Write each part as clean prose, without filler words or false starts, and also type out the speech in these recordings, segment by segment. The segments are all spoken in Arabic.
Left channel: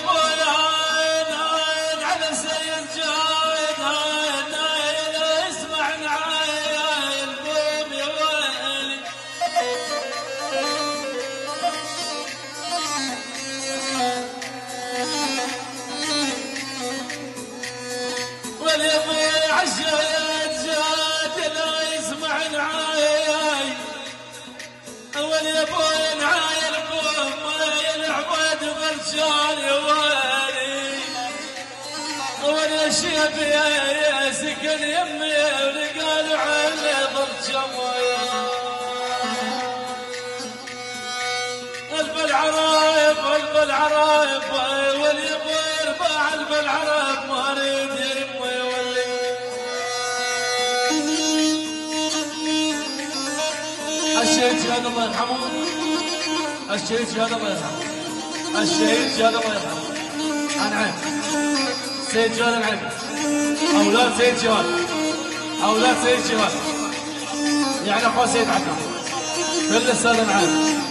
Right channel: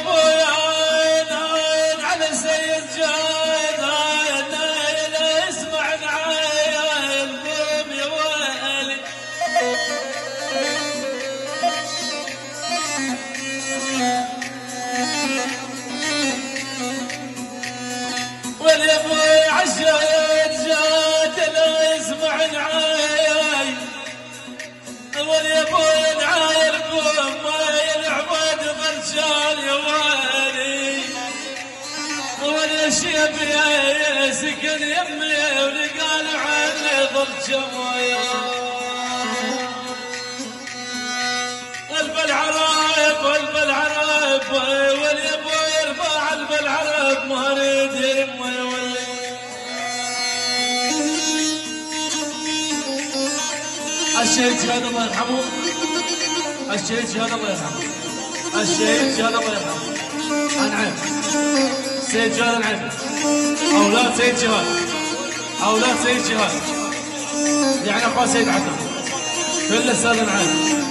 ابويا عين على سيد جايد عين اسمع عين قوم يا ويلي واليا ابويا عشايد جايد لا يسمع عين واليا ابويا العايل قوم العباد غرشان يا ويلي ولا شيب يا سكن يمي ورقال عني ضل شمايا قلب العرايب واليا ابويا ارفع قلب العرايب ما اريد يمي يولي الشهيد شهد الله يرحمه الشهيد شهد الله يرحمه الشهيد شهد الله يرحمه العين سيد شهد العين أولاد سيد شهد أولاد سيد شهد يعني أخو سيد عبد كل السنة العين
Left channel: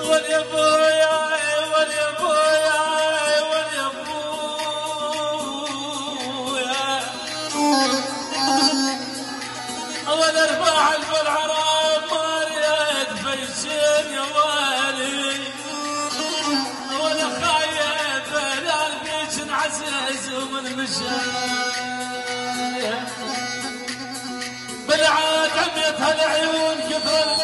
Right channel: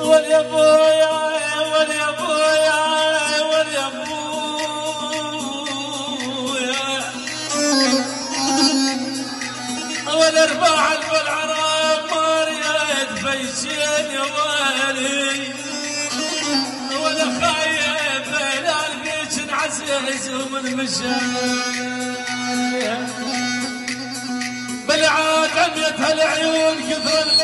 واليا ابويا واليا ابويا واليا والارباع والعراب مريت فيشين يا والي وانا خايف لا البيت انعسيس ومن مشايا بالعاد عدت هالعيون كثر